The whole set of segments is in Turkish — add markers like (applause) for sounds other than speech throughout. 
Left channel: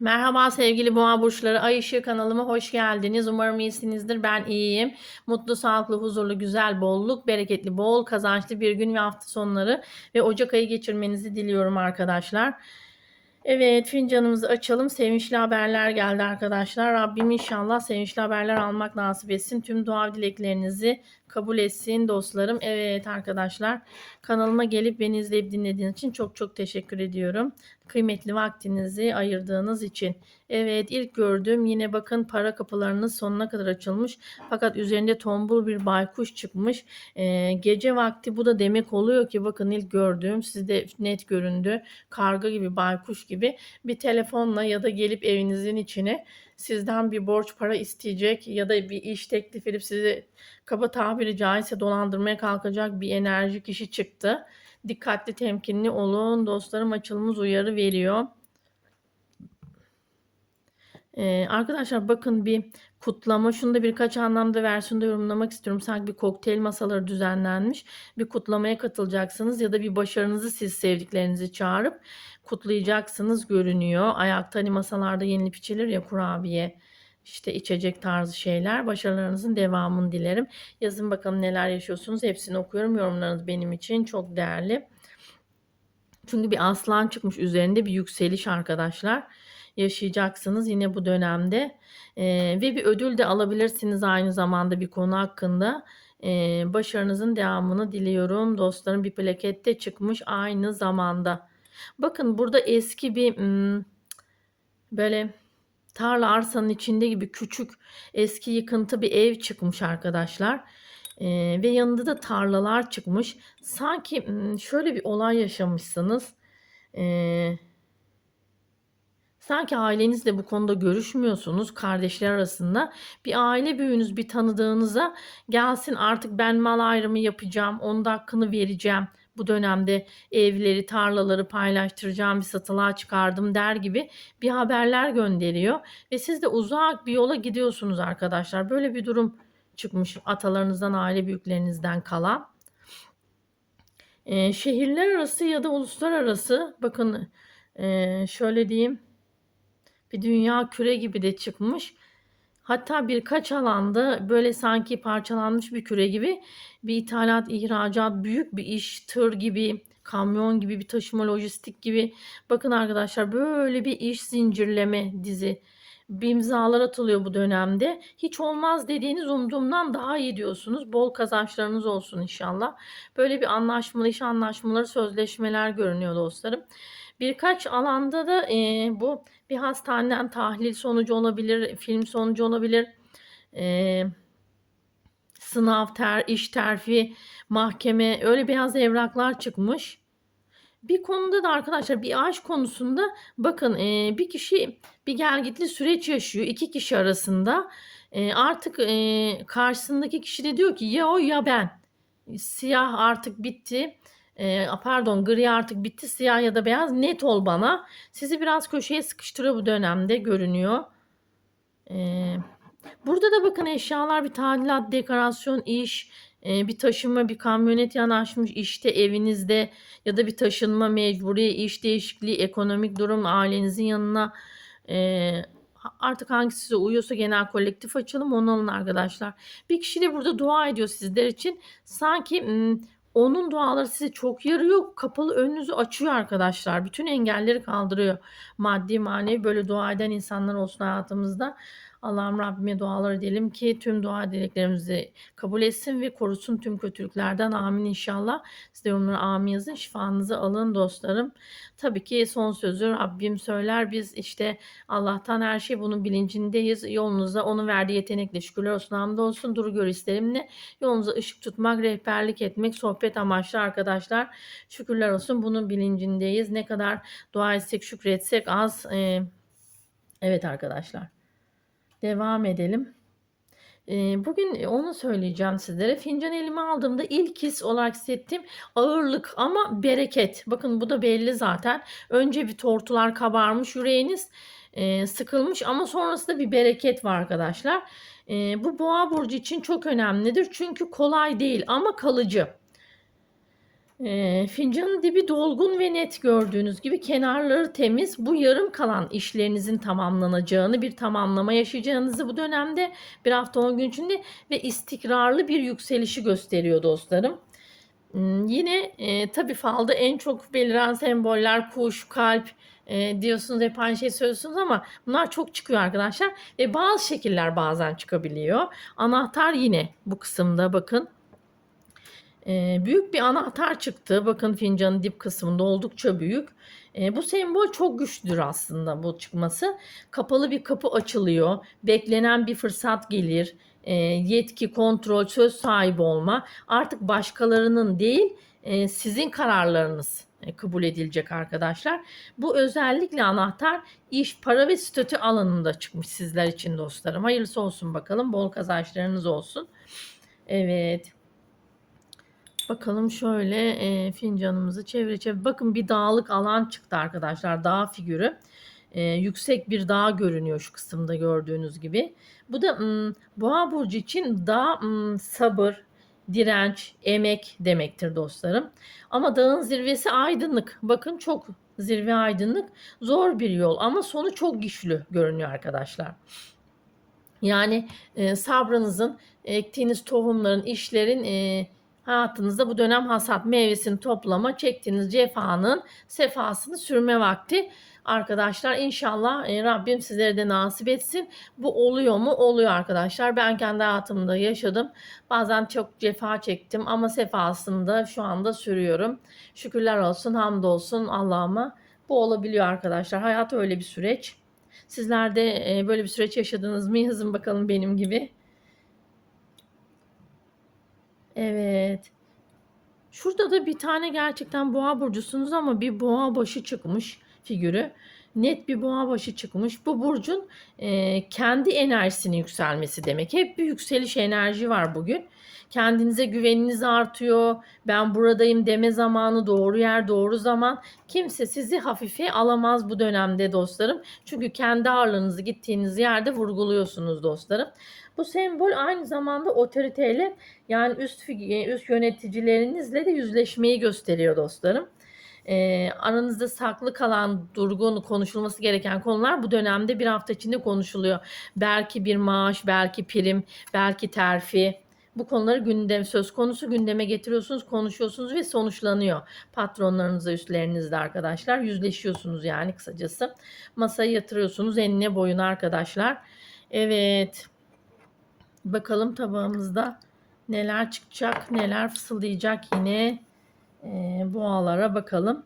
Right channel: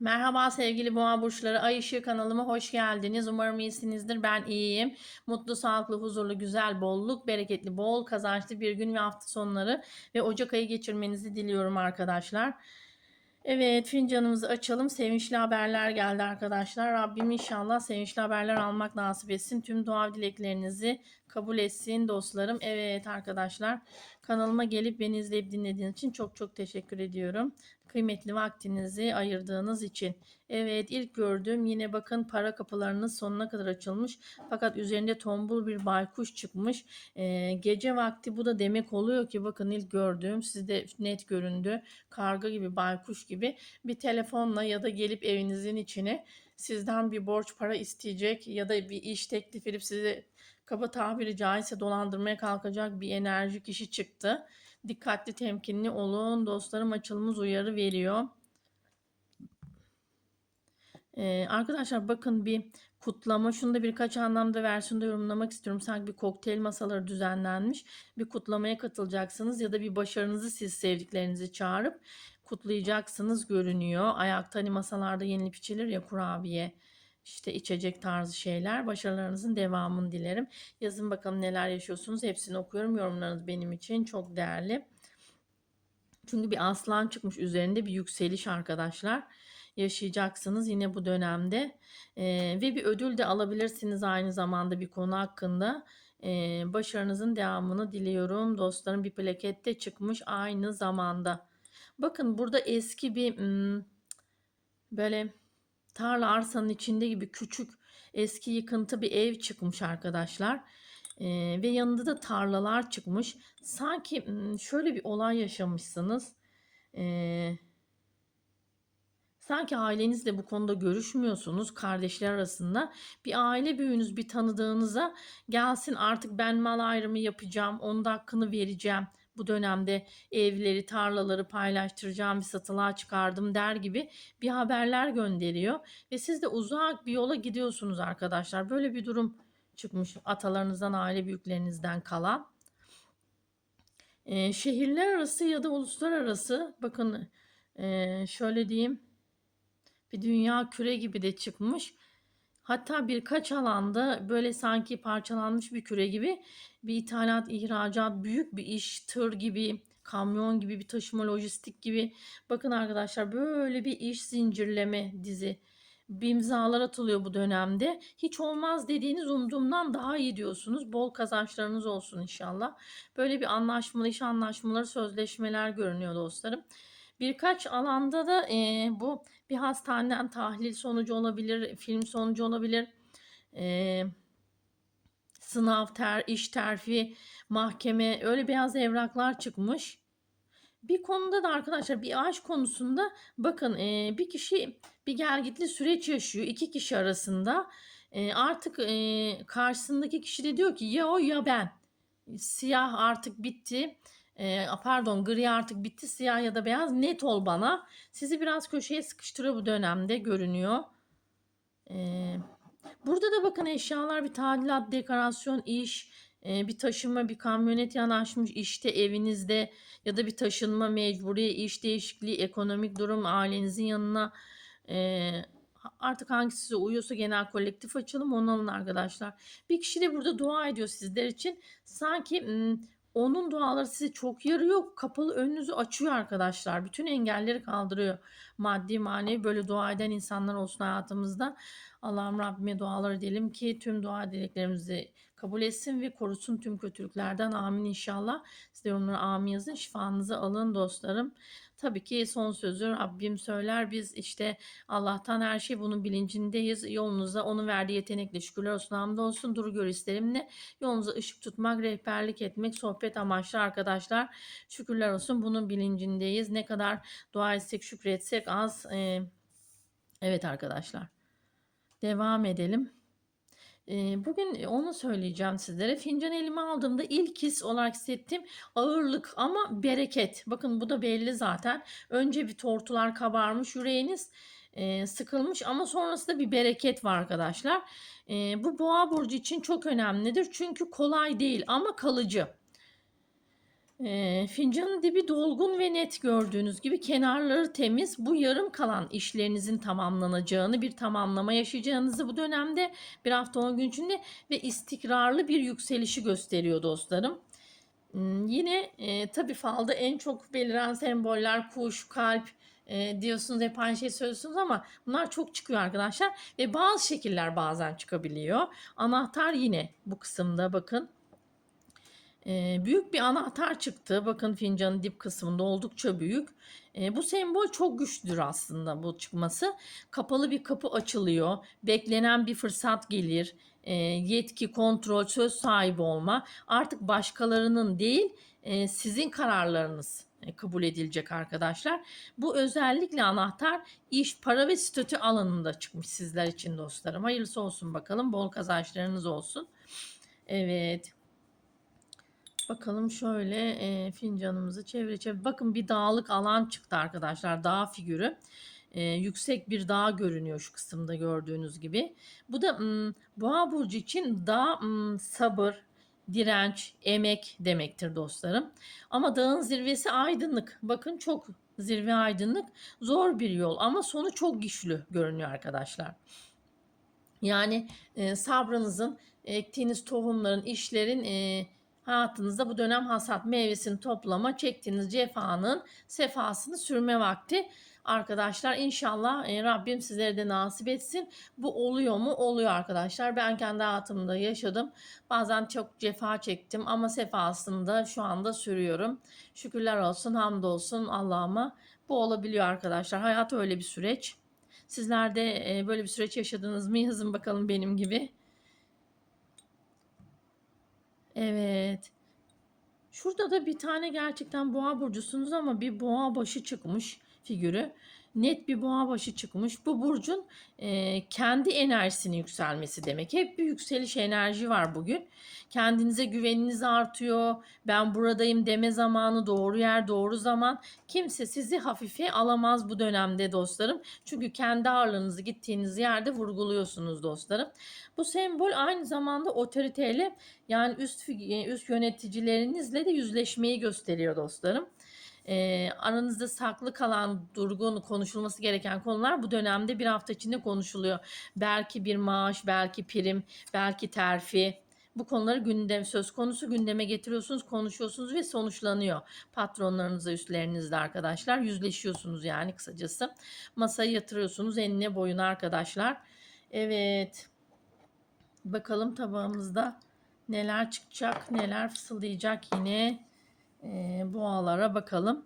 Merhaba sevgili boğa burçları. Ay ışığı kanalıma hoş geldiniz. Umarım iyisinizdir. Ben iyiyim. Mutlu, sağlıklı, huzurlu, güzel, bolluk, bereketli, bol, kazançlı bir gün ve hafta sonları ve Ocak ayı geçirmenizi diliyorum arkadaşlar. Evet fincanımızı açalım. Sevinçli haberler geldi arkadaşlar. Rabbim inşallah sevinçli haberler almak nasip etsin. Tüm dua dileklerinizi kabul etsin dostlarım. Evet arkadaşlar kanalıma gelip beni izleyip dinlediğiniz için çok çok teşekkür ediyorum. Kıymetli vaktinizi ayırdığınız için. Evet ilk gördüğüm yine bakın para kapılarınız sonuna kadar açılmış. Fakat üzerinde tombul bir baykuş çıkmış. Ee, gece vakti bu da demek oluyor ki bakın ilk gördüğüm sizde net göründü. Karga gibi baykuş gibi bir telefonla ya da gelip evinizin içine sizden bir borç para isteyecek ya da bir iş teklif edip sizi kaba tabiri caizse dolandırmaya kalkacak bir enerji kişi çıktı. Dikkatli temkinli olun. Dostlarım açılımız uyarı veriyor. Ee, arkadaşlar bakın bir kutlama. Şunu da birkaç anlamda versiyonda yorumlamak istiyorum. Sanki bir kokteyl masaları düzenlenmiş. Bir kutlamaya katılacaksınız ya da bir başarınızı siz sevdiklerinizi çağırıp kutlayacaksınız görünüyor. Ayakta hani masalarda yenilip içilir ya kurabiye işte içecek tarzı şeyler. Başarılarınızın devamını dilerim. Yazın bakalım neler yaşıyorsunuz. Hepsini okuyorum. Yorumlarınız benim için çok değerli. Çünkü bir aslan çıkmış üzerinde bir yükseliş arkadaşlar. Yaşayacaksınız yine bu dönemde. Ee, ve bir ödül de alabilirsiniz aynı zamanda bir konu hakkında. Ee, başarınızın devamını diliyorum. Dostlarım bir plaket de çıkmış aynı zamanda. Bakın burada eski bir hmm, böyle tarla arsanın içinde gibi küçük eski yıkıntı bir ev çıkmış arkadaşlar. Ee, ve yanında da tarlalar çıkmış. Sanki hmm, şöyle bir olay yaşamışsınız. Ee, sanki ailenizle bu konuda görüşmüyorsunuz kardeşler arasında. Bir aile büyüğünüz bir tanıdığınıza gelsin artık ben mal ayrımı yapacağım. Onun da hakkını vereceğim bu dönemde evleri, tarlaları paylaştıracağım, bir satılığa çıkardım der gibi bir haberler gönderiyor. Ve siz de uzak bir yola gidiyorsunuz arkadaşlar. Böyle bir durum çıkmış atalarınızdan, aile büyüklerinizden kalan. Ee, şehirler arası ya da uluslararası bakın e, şöyle diyeyim bir dünya küre gibi de çıkmış. Hatta birkaç alanda böyle sanki parçalanmış bir küre gibi bir ithalat, ihracat, büyük bir iş, tır gibi, kamyon gibi bir taşıma, lojistik gibi. Bakın arkadaşlar böyle bir iş zincirleme dizi. Bir imzalar atılıyor bu dönemde. Hiç olmaz dediğiniz umduğumdan daha iyi diyorsunuz. Bol kazançlarınız olsun inşallah. Böyle bir anlaşmalı iş anlaşmaları, sözleşmeler görünüyor dostlarım. Birkaç alanda da e, bu bir hastaneden tahlil sonucu olabilir, film sonucu olabilir. E, sınav, ter, iş terfi, mahkeme öyle beyaz evraklar çıkmış. Bir konuda da arkadaşlar bir aşk konusunda bakın e, bir kişi bir gelgitli süreç yaşıyor iki kişi arasında. E, artık e, karşısındaki kişi de diyor ki ya o ya ben. Siyah artık bitti e, pardon gri artık bitti siyah ya da beyaz net ol bana. Sizi biraz köşeye sıkıştırıyor bu dönemde görünüyor. E, burada da bakın eşyalar bir tadilat, dekorasyon, iş, e, bir taşınma, bir kamyonet yanaşmış işte evinizde ya da bir taşınma mecburi, iş değişikliği, ekonomik durum ailenizin yanına e, artık hangisi size uyuyorsa genel kolektif açalım onu alın arkadaşlar. Bir kişi de burada dua ediyor sizler için. Sanki onun duaları sizi çok yarıyor. Kapalı önünüzü açıyor arkadaşlar. Bütün engelleri kaldırıyor. Maddi manevi böyle dua eden insanlar olsun hayatımızda. Allah'ım Rabbime dualar edelim ki tüm dua dileklerimizi kabul etsin ve korusun tüm kötülüklerden. Amin inşallah. Siz de yorumlara amin yazın. Şifanızı alın dostlarım. Tabii ki son sözü Rabbim söyler. Biz işte Allah'tan her şey bunun bilincindeyiz. Yolunuza onun verdiği yetenekle şükürler olsun hamd olsun. Duru gör isterimle yolunuza ışık tutmak, rehberlik etmek, sohbet amaçlı arkadaşlar. Şükürler olsun bunun bilincindeyiz. Ne kadar dua etsek, şükretsek az. Ee, evet arkadaşlar. Devam edelim. Bugün onu söyleyeceğim sizlere. Fincan elime aldığımda ilk his olarak hissettiğim ağırlık ama bereket. Bakın bu da belli zaten. Önce bir tortular kabarmış yüreğiniz sıkılmış ama sonrasında bir bereket var arkadaşlar. Bu boğa burcu için çok önemlidir. Çünkü kolay değil ama kalıcı. Eee, fincanın dibi dolgun ve net gördüğünüz gibi kenarları temiz. Bu yarım kalan işlerinizin tamamlanacağını, bir tamamlama yaşayacağınızı bu dönemde bir hafta 10 gün içinde ve istikrarlı bir yükselişi gösteriyor dostlarım. Hmm, Yine e, tabii falda en çok beliren semboller kuş, kalp e, diyorsunuz hep aynı şey söylüyorsunuz ama bunlar çok çıkıyor arkadaşlar ve bazı şekiller bazen çıkabiliyor. Anahtar yine bu kısımda bakın Eee, büyük bir anahtar çıktı. Bakın fincanın dip kısmında oldukça büyük. Eee, bu sembol çok güçlüdür aslında bu çıkması. Kapalı bir kapı açılıyor. Beklenen bir fırsat gelir. Eee, yetki, kontrol, söz sahibi olma. Artık başkalarının değil, eee, sizin kararlarınız e, kabul edilecek arkadaşlar. Bu özellikle anahtar iş, para ve statü alanında çıkmış sizler için dostlarım. Hayırlısı olsun bakalım. Bol kazançlarınız olsun. Evet. Bakalım şöyle e, fincanımızı çevre çevre. Bakın bir dağlık alan çıktı arkadaşlar. Dağ figürü. E, yüksek bir dağ görünüyor şu kısımda gördüğünüz gibi. Bu da m, boğa burcu için dağ m, sabır, direnç, emek demektir dostlarım. Ama dağın zirvesi aydınlık. Bakın çok zirve aydınlık. Zor bir yol ama sonu çok güçlü görünüyor arkadaşlar. Yani e, sabrınızın, ektiğiniz tohumların, işlerin e, hayatınızda bu dönem hasat meyvesini toplama, çektiğiniz cefanın sefasını sürme vakti. Arkadaşlar inşallah e, Rabbim sizlere de nasip etsin. Bu oluyor mu? Oluyor arkadaşlar. Ben kendi hayatımda yaşadım. Bazen çok cefa çektim ama sefasını da şu anda sürüyorum. Şükürler olsun, hamdolsun Allah'ıma. Bu olabiliyor arkadaşlar. Hayat öyle bir süreç. Sizler de e, böyle bir süreç yaşadınız mı? Yazın bakalım benim gibi. Evet. Şurada da bir tane gerçekten boğa burcusunuz ama bir boğa başı çıkmış figürü. Net bir boğa başı çıkmış. Bu burcun e, kendi enerjisinin yükselmesi demek. Hep bir yükseliş enerji var bugün. Kendinize güveniniz artıyor. Ben buradayım deme zamanı, doğru yer, doğru zaman. Kimse sizi hafife alamaz bu dönemde dostlarım. Çünkü kendi ağırlığınızı gittiğiniz yerde vurguluyorsunuz dostlarım. Bu sembol aynı zamanda otoriteyle yani üst üst yöneticilerinizle de yüzleşmeyi gösteriyor dostlarım. Ee, aranızda saklı kalan, durgun, konuşulması gereken konular bu dönemde bir hafta içinde konuşuluyor. Belki bir maaş, belki prim, belki terfi. Bu konuları gündem söz konusu gündeme getiriyorsunuz, konuşuyorsunuz ve sonuçlanıyor. Patronlarınızla, üstlerinizle arkadaşlar yüzleşiyorsunuz yani kısacası. Masaya yatırıyorsunuz enine boyuna arkadaşlar. Evet. Bakalım tabağımızda neler çıkacak, neler fısıldayacak yine e, boğalara bakalım.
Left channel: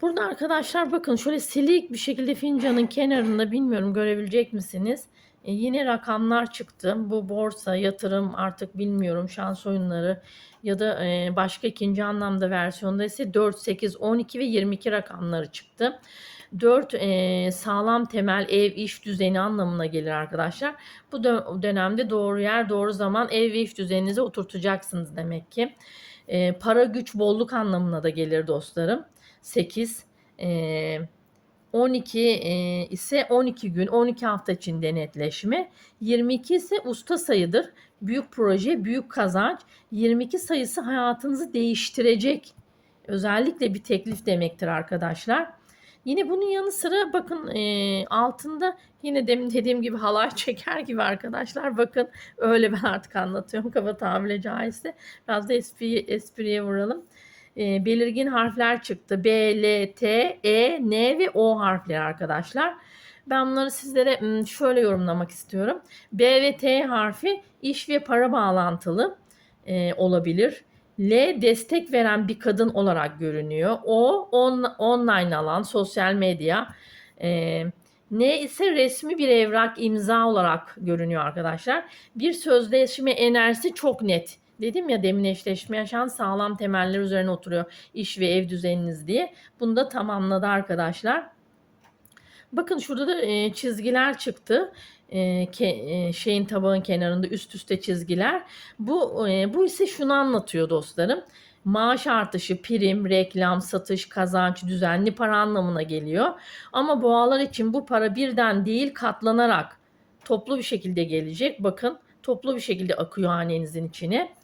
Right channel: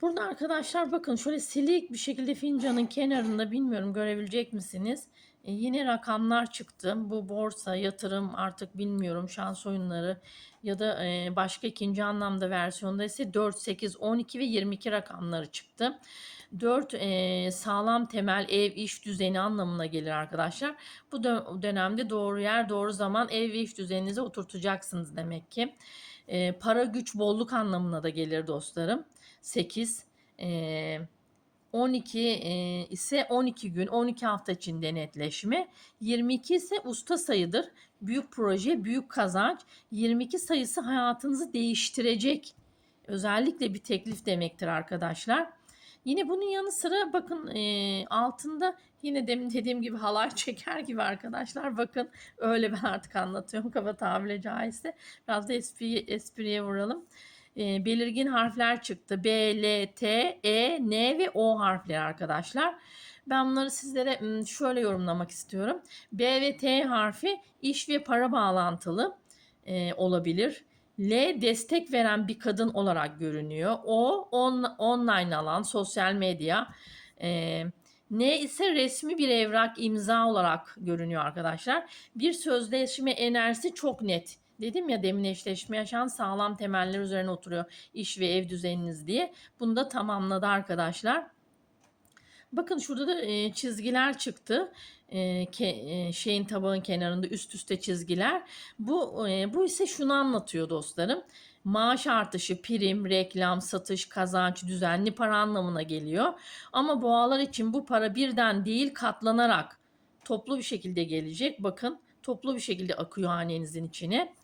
Burada arkadaşlar bakın şöyle silik bir şekilde fincanın kenarında bilmiyorum görebilecek misiniz? E, yine rakamlar çıktı. Bu borsa, yatırım artık bilmiyorum şans oyunları ya da e, başka ikinci anlamda versiyonda ise 4, 8, 12 ve 22 rakamları çıktı. 4 e, sağlam temel ev iş düzeni anlamına gelir arkadaşlar. Bu dö- dönemde doğru yer doğru zaman ev iş düzeninize oturtacaksınız demek ki. E, para güç bolluk anlamına da gelir dostlarım. 8 e, 12 e, ise 12 gün 12 hafta içinde netleşme. 22 ise usta sayıdır. Büyük proje, büyük kazanç. 22 sayısı hayatınızı değiştirecek. Özellikle bir teklif demektir arkadaşlar. Yine bunun yanı sıra bakın e, altında yine demin dediğim gibi halay (laughs) çeker gibi arkadaşlar. Bakın öyle ben artık anlatıyorum kaba tabiri caizse. Biraz da espri, espriye vuralım. E, belirgin harfler çıktı. B, L, T, E, N ve O harfleri arkadaşlar. Ben bunları sizlere şöyle yorumlamak istiyorum. B ve T harfi iş ve para bağlantılı e, olabilir. L destek veren bir kadın olarak görünüyor. O on, online alan, sosyal medya. E, N ise resmi bir evrak imza olarak görünüyor arkadaşlar. Bir sözleşme enerjisi çok net. Dedim ya demin eşleşme yaşayan sağlam temeller üzerine oturuyor iş ve ev düzeniniz diye. Bunu da tamamladı arkadaşlar. Bakın şurada da e, çizgiler çıktı. E, ke, e, şeyin tabağın kenarında üst üste çizgiler. Bu e, bu ise şunu anlatıyor dostlarım. Maaş artışı, prim, reklam, satış, kazanç, düzenli para anlamına geliyor. Ama boğalar için bu para birden değil katlanarak toplu bir şekilde gelecek. Bakın toplu bir şekilde akıyor hanenizin içine.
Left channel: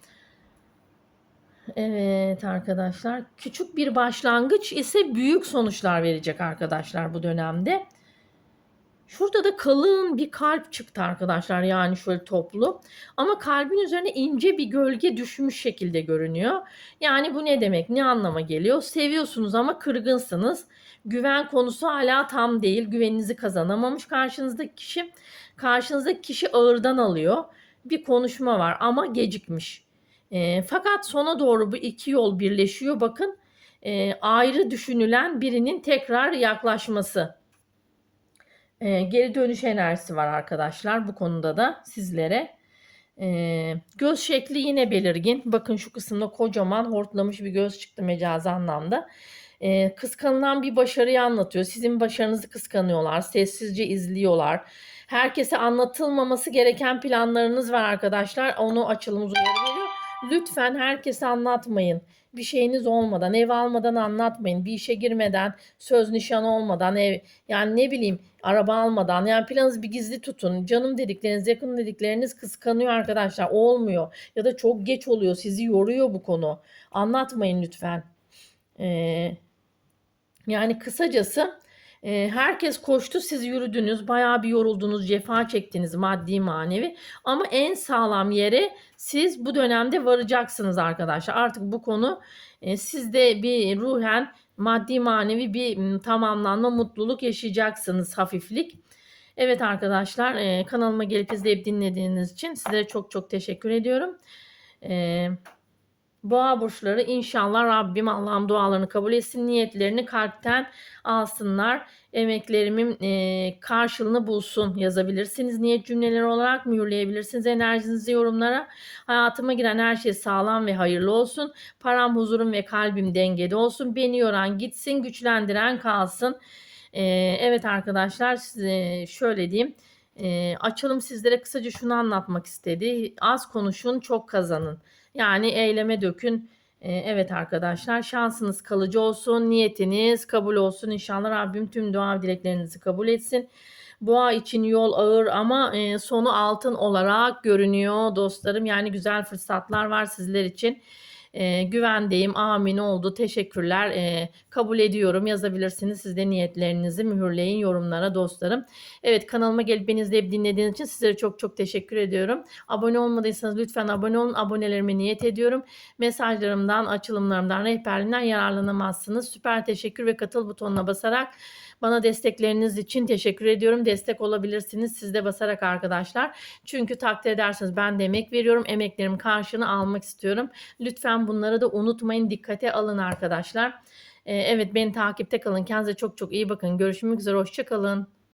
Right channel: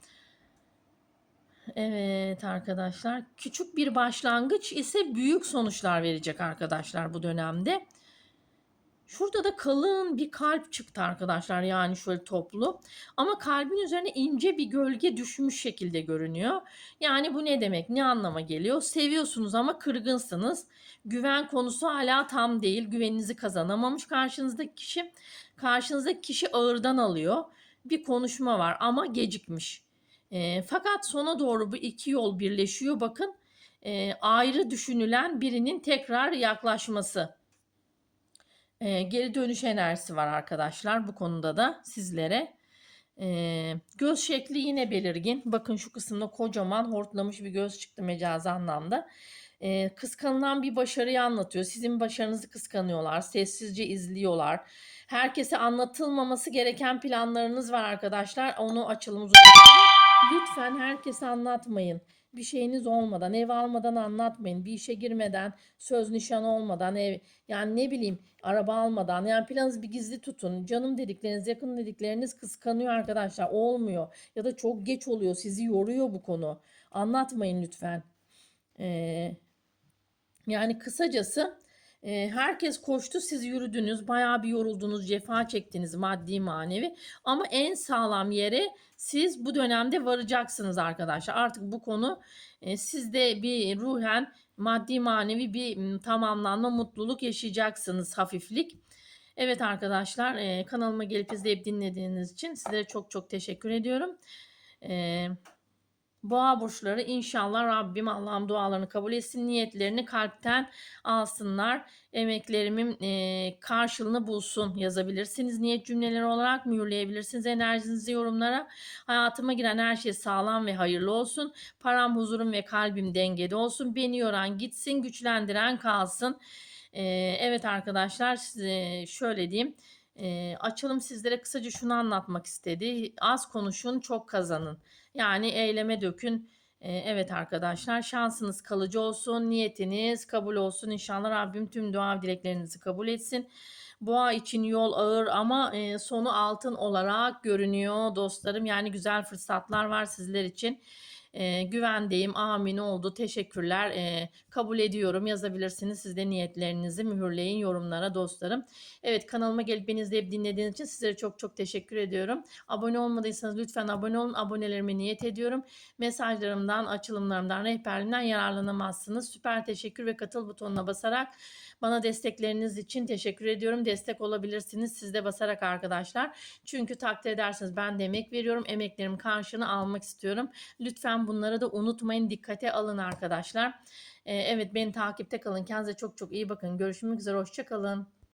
Evet arkadaşlar. Küçük bir başlangıç ise büyük sonuçlar verecek arkadaşlar bu dönemde. Şurada da kalın bir kalp çıktı arkadaşlar. Yani şöyle toplu. Ama kalbin üzerine ince bir gölge düşmüş şekilde görünüyor. Yani bu ne demek? Ne anlama geliyor? Seviyorsunuz ama kırgınsınız. Güven konusu hala tam değil. Güveninizi kazanamamış karşınızdaki kişi. Karşınızdaki kişi ağırdan alıyor. Bir konuşma var ama gecikmiş. E, fakat sona doğru bu iki yol birleşiyor. Bakın e, ayrı düşünülen birinin tekrar yaklaşması. E, geri dönüş enerjisi var arkadaşlar bu konuda da sizlere. E, göz şekli yine belirgin. Bakın şu kısımda kocaman hortlamış bir göz çıktı mecazi anlamda. E, kıskanılan bir başarıyı anlatıyor. Sizin başarınızı kıskanıyorlar. Sessizce izliyorlar. Herkese anlatılmaması gereken planlarınız var arkadaşlar. Onu açılımız Lütfen herkese anlatmayın. Bir şeyiniz olmadan, ev almadan anlatmayın. Bir işe girmeden, söz nişan olmadan, ev yani ne bileyim araba almadan. Yani planınızı bir gizli tutun. Canım dedikleriniz, yakın dedikleriniz kıskanıyor arkadaşlar. Olmuyor. Ya da çok geç oluyor. Sizi yoruyor bu konu. Anlatmayın lütfen. Ee, yani kısacası e, herkes koştu siz yürüdünüz bayağı bir yoruldunuz cefa çektiniz maddi manevi ama en sağlam yere siz bu dönemde varacaksınız arkadaşlar artık bu konu e, sizde bir ruhen maddi manevi bir tamamlanma mutluluk yaşayacaksınız hafiflik. Evet arkadaşlar e, kanalıma gelip izleyip dinlediğiniz için sizlere çok çok teşekkür ediyorum. Eee Boğa burçları inşallah Rabbim Allah'ım dualarını kabul etsin. Niyetlerini kalpten alsınlar. Emeklerimin e, karşılığını bulsun yazabilirsiniz. Niyet cümleleri olarak mühürleyebilirsiniz. Enerjinizi yorumlara. Hayatıma giren her şey sağlam ve hayırlı olsun. Param, huzurum ve kalbim dengede olsun. Beni yoran gitsin, güçlendiren kalsın. E, evet arkadaşlar size şöyle diyeyim. E, açalım sizlere kısaca şunu anlatmak istedi. Az konuşun, çok kazanın. Yani eyleme dökün. Evet arkadaşlar şansınız kalıcı olsun. Niyetiniz kabul olsun. İnşallah Rabbim tüm dua dileklerinizi kabul etsin. Boğa için yol ağır ama sonu altın olarak görünüyor dostlarım. Yani güzel fırsatlar var sizler için. E, güvendeyim. Amin oldu. Teşekkürler. E, kabul ediyorum. Yazabilirsiniz. Siz de niyetlerinizi mühürleyin yorumlara dostlarım. Evet kanalıma gelip beni izleyip dinlediğiniz için sizlere çok çok teşekkür ediyorum. Abone olmadıysanız lütfen abone olun. Abonelerime niyet ediyorum. Mesajlarımdan, açılımlarımdan, rehberliğinden yararlanamazsınız. Süper teşekkür ve katıl butonuna basarak bana destekleriniz için teşekkür ediyorum. Destek olabilirsiniz siz de basarak arkadaşlar. Çünkü takdir ederseniz ben de emek veriyorum. Emeklerimin karşılığını almak istiyorum. Lütfen bunları da unutmayın. Dikkate alın arkadaşlar. Ee, evet beni takipte kalın. Kendinize çok çok iyi bakın. Görüşmek üzere. Hoşçakalın.